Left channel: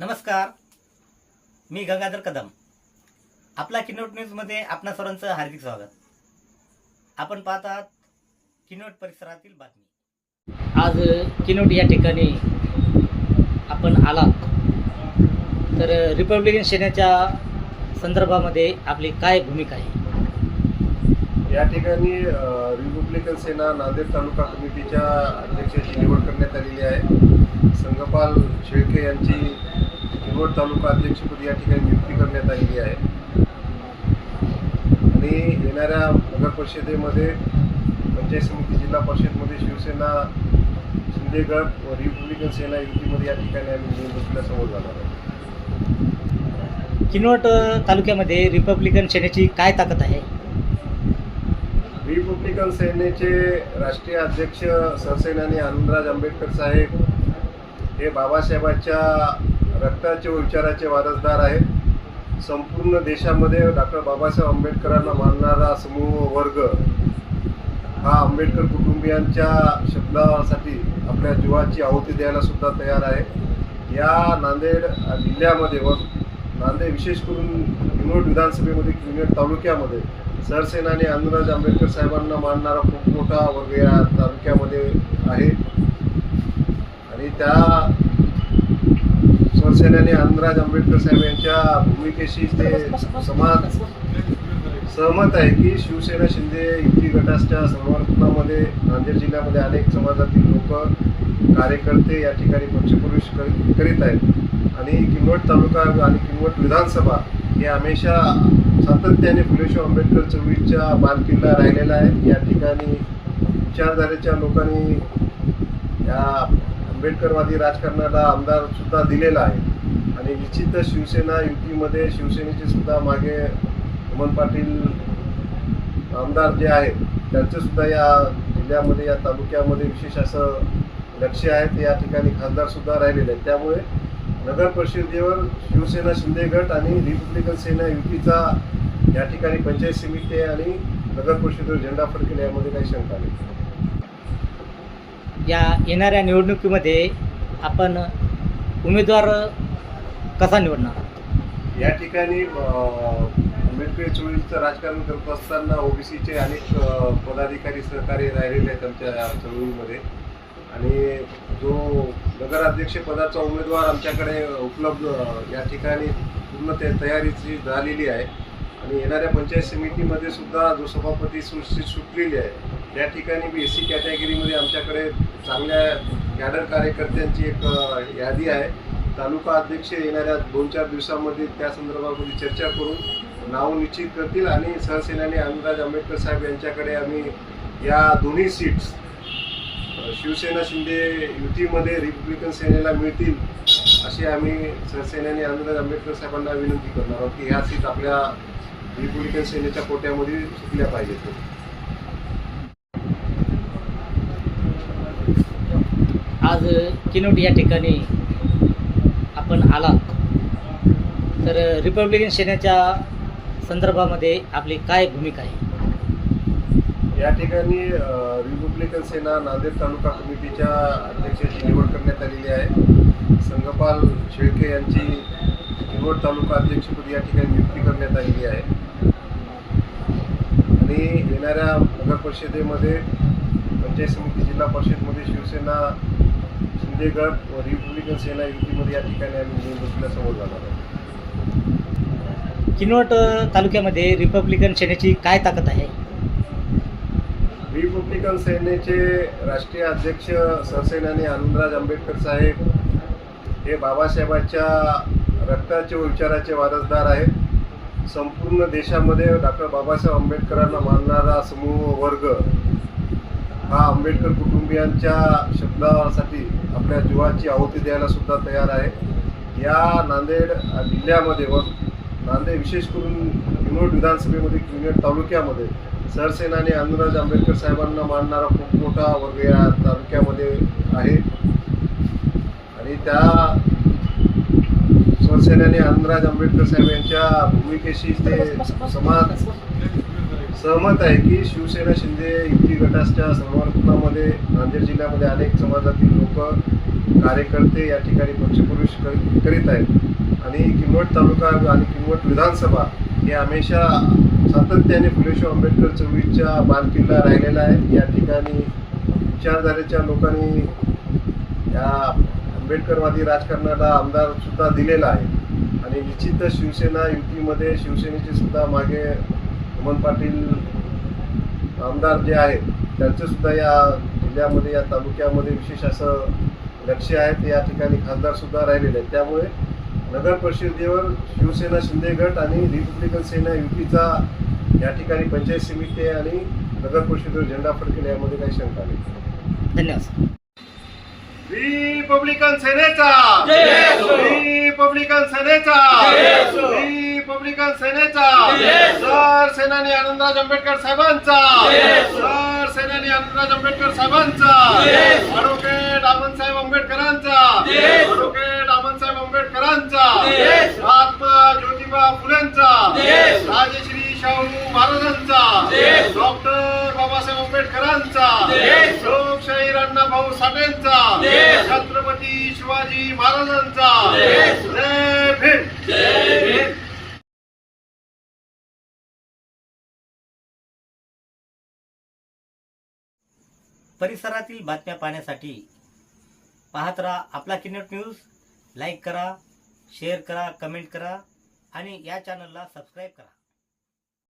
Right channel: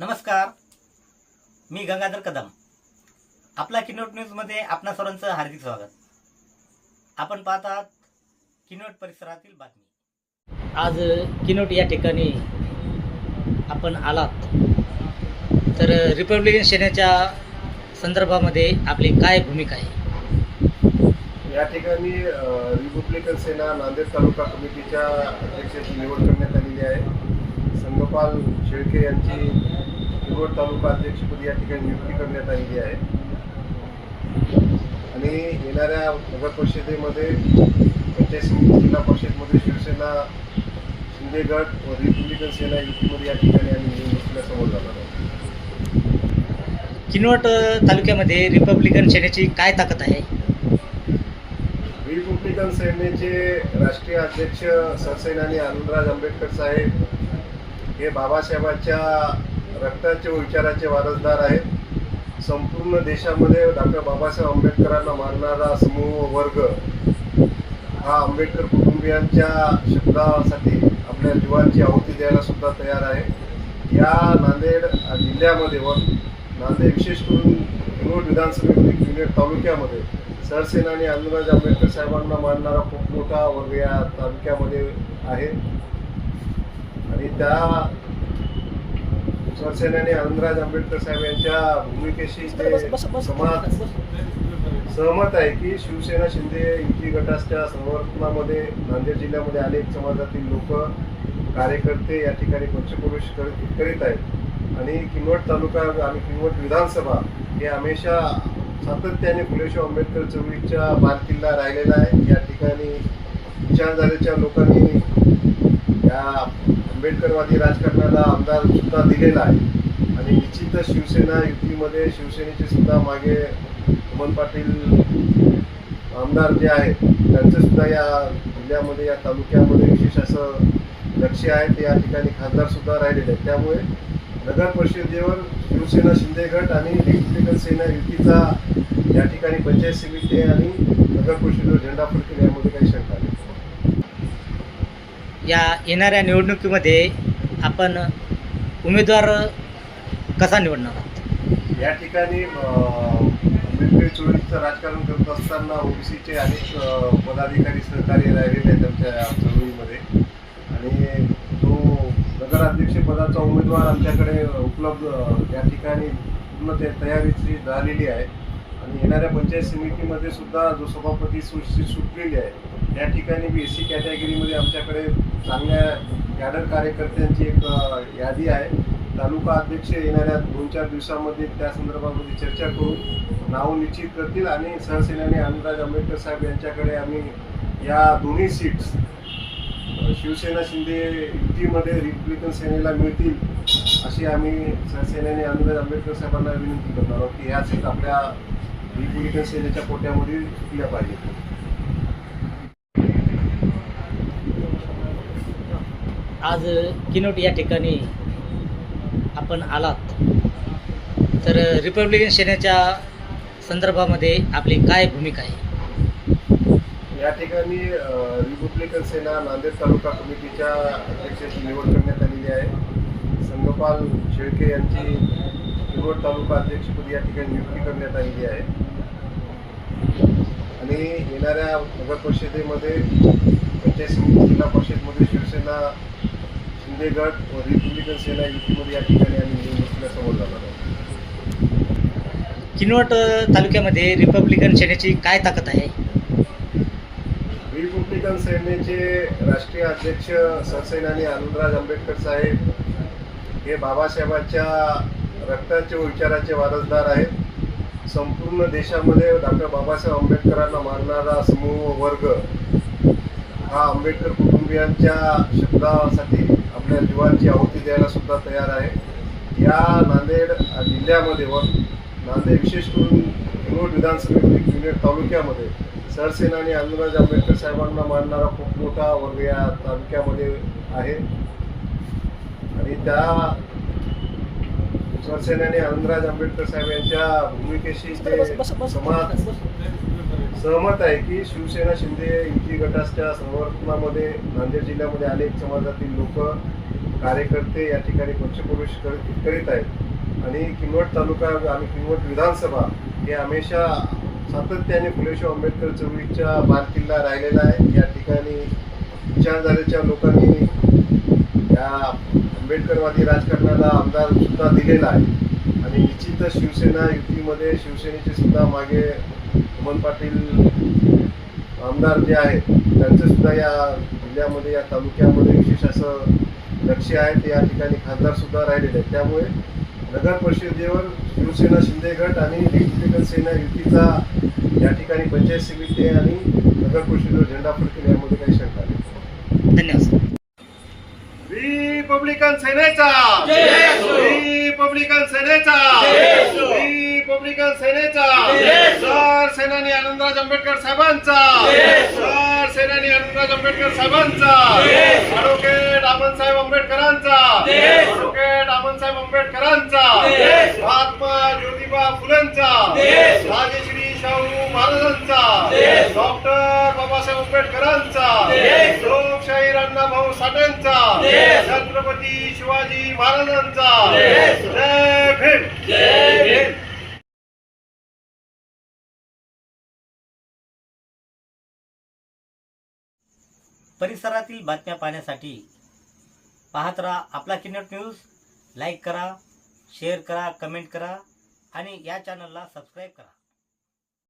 नमस्कार. मी गंगाधर कदम. आपला किनोट न्यूजमध्ये आपणा सर्वांचं हार्दिक स्वागत. आपण पाहत आहात किनोट परिसरातील बातमी. आज किनोट या ठिकाणी आपण आलात. तर रिपब्लिकन सेनेच्या संदर्भामध्ये आपली काय भूमिका आहे? या ठिकाणी रिपब्लिकन सेना नांदेड तालुका कमिटीच्या अध्यक्षाची निवड करण्यात आलेली आहे. संगपाल शेळके यांची निवड तालुका अध्यक्षपदी या ठिकाणी नियुक्ती करण्यात आलेली आहे. आणि येणाऱ्या नगर परिषदेमध्ये पंचायत समिती जिल्हा परिषदमध्ये शिवसेना शिंदे गट व रिपब्लिकन सेना युतीमध्ये या ठिकाणी आम्ही निवडणुकीला समोर जाणार आहोत. किनवट तालुक्यामध्ये रिपब्लिकन सेनेची काय ताकद आहे? रिपब्लिकन सेनेचे राष्ट्रीय अध्यक्ष सरसेनानी आनंदराज आंबेडकर साहेब हे बाबासाहेबांच्या रक्ताचे व विचाराचे वारसदार आहेत. संपूर्ण देशामध्ये डॉक्टर बाबासाहेब आंबेडकरांना मानणारा समूह वर्ग हा आंबेडकर कुटुंबियांच्या शब्दासाठी आपल्या जीवाची आहुती द्यायला सुद्धा तयार आहे. या नांदेड जिल्ह्यामध्ये व नांदेड विशेष करून किनवट विधानसभेमध्ये किनवट तालुक्यामध्ये सरसेनानी आनंदराज आंबेडकर साहेबांना मानणारा खूप मोठा वर्ग या तालुक्यामध्ये आहे. आणि त्या शिवसेनेने आनंदराज आंबेडकर साहेब यांच्या भूमिकेशी ते समाज सहमत आहे की शिवसेना शिंदे युती गटाच्या समर्थनामध्ये नांदेड जिल्ह्यामध्ये अनेक समाजातील लोक कार्यकर्ते या ठिकाणी पक्षप्रवेश करीत आहेत. आणि किनवट तालुका आणि किनवट विधानसभा हे हमेशा सातत्याने फुलेशाह आंबेडकर चौकीच्या बालकिल्ला राहिलेला आहे. या ठिकाणी विचारधारेच्या लोकांनी या आंबेडकरवादी राजकारणाला आमदार सुद्धा दिलेला आहे. आणि निश्चित शिवसेना युतीमध्ये शिवसेनेचे सुद्धा मागे हेमंत पाटील आमदार जे आहेत त्यांचं सुद्धा या जिल्ह्यामध्ये या तालुक्यामध्ये विशेष असं लक्ष आहे. ते या ठिकाणी खासदार सुद्धा राहिलेले आहेत. त्यामुळे नगर परिषदेवर शिवसेना शिंदे गट आणि रिपब्लिकन सेना युतीचा या ठिकाणी पंचायत समिती आणि नगर परिषदेवर झेंडा फडकेल यामध्ये काही शंका नाही. या येणाऱ्या निवडणुकीमध्ये आपण उमेदवार कसा निवडणार आहात? या ठिकाणी चोवीसचं आंबेडकरी राजकारण करत असताना ओबीसीचे अनेक पदाधिकारी सहकारी राहिलेले आहेत आमच्या चळवळीमध्ये. आणि तो नगराध्यक्ष पदाचा उमेदवार आमच्याकडे उपलब्ध या ठिकाणी पूर्ण ते तयारीची झालेली आहे. आणि येणाऱ्या पंचायत समितीमध्ये सुद्धा जो सभापती सुशिक्षित सुटलेली आहे त्या ठिकाणी बी एस सी कॅटेगरीमध्ये आमच्याकडे चांगल्या कॅडर कार्यकर्त्यांची एक यादी आहे. तालुका अध्यक्ष येणाऱ्या दोन चार दिवसामध्ये त्या संदर्भामध्ये चर्चा करून नाव निश्चित करतील आणि सहसेनानी आनंदराज आंबेडकर साहेब यांच्याकडे आम्ही या दोन्ही सीट्स शिवसेना शिंदे युतीमध्ये रिपब्लिकन सेनेला मिळतील. अशी आम्ही सहसेनानी आनंदराज आंबेडकर साहेबांना विनंती करणार आहोत की ह्या सीट आपल्या रिपब्लिकन सेनेच्या कोट्यामध्ये सुटल्या पाहिजेत. आज किनोट या ठिकाणी आपण आलात. तर रिपब्लिकन सेनेच्या संदर्भामध्ये आपली काय भूमिका आहे? या ठिकाणी रिपब्लिकन सेना नांदेड तालुका कमिटीच्या अध्यक्षाची निवड करण्यात आलेली आहे. संगपाल शेळके यांची निवड तालुका अध्यक्षपदी या ठिकाणी नियुक्ती करण्यात आलेली आहे. आणि येणाऱ्या नगर परिषदेमध्ये पंचायत समिती जिल्हा परिषदमध्ये शिवसेना शिंदे गट व रिपब्लिकन सेना युतीमध्ये या ठिकाणी आम्ही निवडणुकीला समोर जाणार आहोत. किनवट तालुक्यामध्ये रिपब्लिकन सेनेची काय ताकद आहे? रिपब्लिकन सेनेचे राष्ट्रीय अध्यक्ष सरसेनानी आनंदराज आंबेडकर साहेब हे बाबासाहेबांच्या रक्ताचे व विचाराचे वारसदार आहेत. संपूर्ण देशामध्ये डॉक्टर बाबासाहेब आंबेडकरांना मानणारा समूह वर्ग हा आंबेडकर कुटुंबियांच्या शब्दासाठी आपल्या जीवाची आहुती द्यायला सुद्धा तयार आहे. या नांदेड जिल्ह्यामध्ये व नांदेड विशेष करून किनोट विधानसभेमध्ये किनोट तालुक्यामध्ये सरसेनानी आनंदराज आंबेडकर साहेबांना मानणारा खूप मोठा वर्ग या तालुक्यामध्ये आहे. आणि त्या शिवसेनेने आनंदराज आंबेडकर साहेब यांच्या भूमिकेशी ते समाज सहमत आहे की शिवसेना शिंदे युती गटाच्या समर्थनामध्ये नांदेड जिल्ह्यामध्ये अनेक समाजातील लोक कार्यकर्ते या ठिकाणी पक्षप्रवेश करीत आहेत. आणि किनवट तालुका आणि किनवट विधानसभा हे हमेशा सातत्याने फुलेशाह आंबेडकर चौकीच्या बालकिल्ला राहिलेला आहे. या ठिकाणी विचारधारेच्या लोकांनी या आंबेडकरवादी राजकारणाला आमदार सुद्धा दिलेला आहे. आणि निश्चितच शिवसेना युतीमध्ये शिवसेनेचे सुद्धा मागे अमन पाटील आमदार जे आहेत त्यांचं सुद्धा या जिल्ह्यामध्ये या तालुक्यामध्ये विशेष असं लक्ष आहे. ते या ठिकाणी खासदार सुद्धा राहिलेले आहेत. त्यामुळे नगर परिषदेवर शिवसेना शिंदे गट आणि रिपब्लिकन सेना युतीचा या ठिकाणी पंचायत समिती आणि नगर परिषदेवर झेंडा फडकेल यामध्ये काही शंका नाही. धन्यवाद रिपब्लिकन सेनेचा रिपब्लिकन सेनेचा रिपब्लिकन सेनेचा सर सेनानी आनंदराज आंबेडकर साहेबांचा सर सेनानी आनंदराज आंबेडकर साहेबांचा ॲडव्होकेट साहेब आंबेडकरांचा ॲडव्होकेट साहेब आंबेडकरांचा महात्मा ज्योतिबा फुलेंचा राजश्री शाहू महाराजांचा डॉक्टर बाबासाहेब आंबेडकरांचा लोकशाही अण्णाभाऊ साठेंचा छत्रपती शिवाजी महाराजांचा. जय भीम. परिसरातील बातम्या पाहण्यासाठी पाहत राहा आपला किनट न्यूज. लाईक करा शेअर करा कमेंट करा आणि या चॅनलला सबस्क्राईब करा.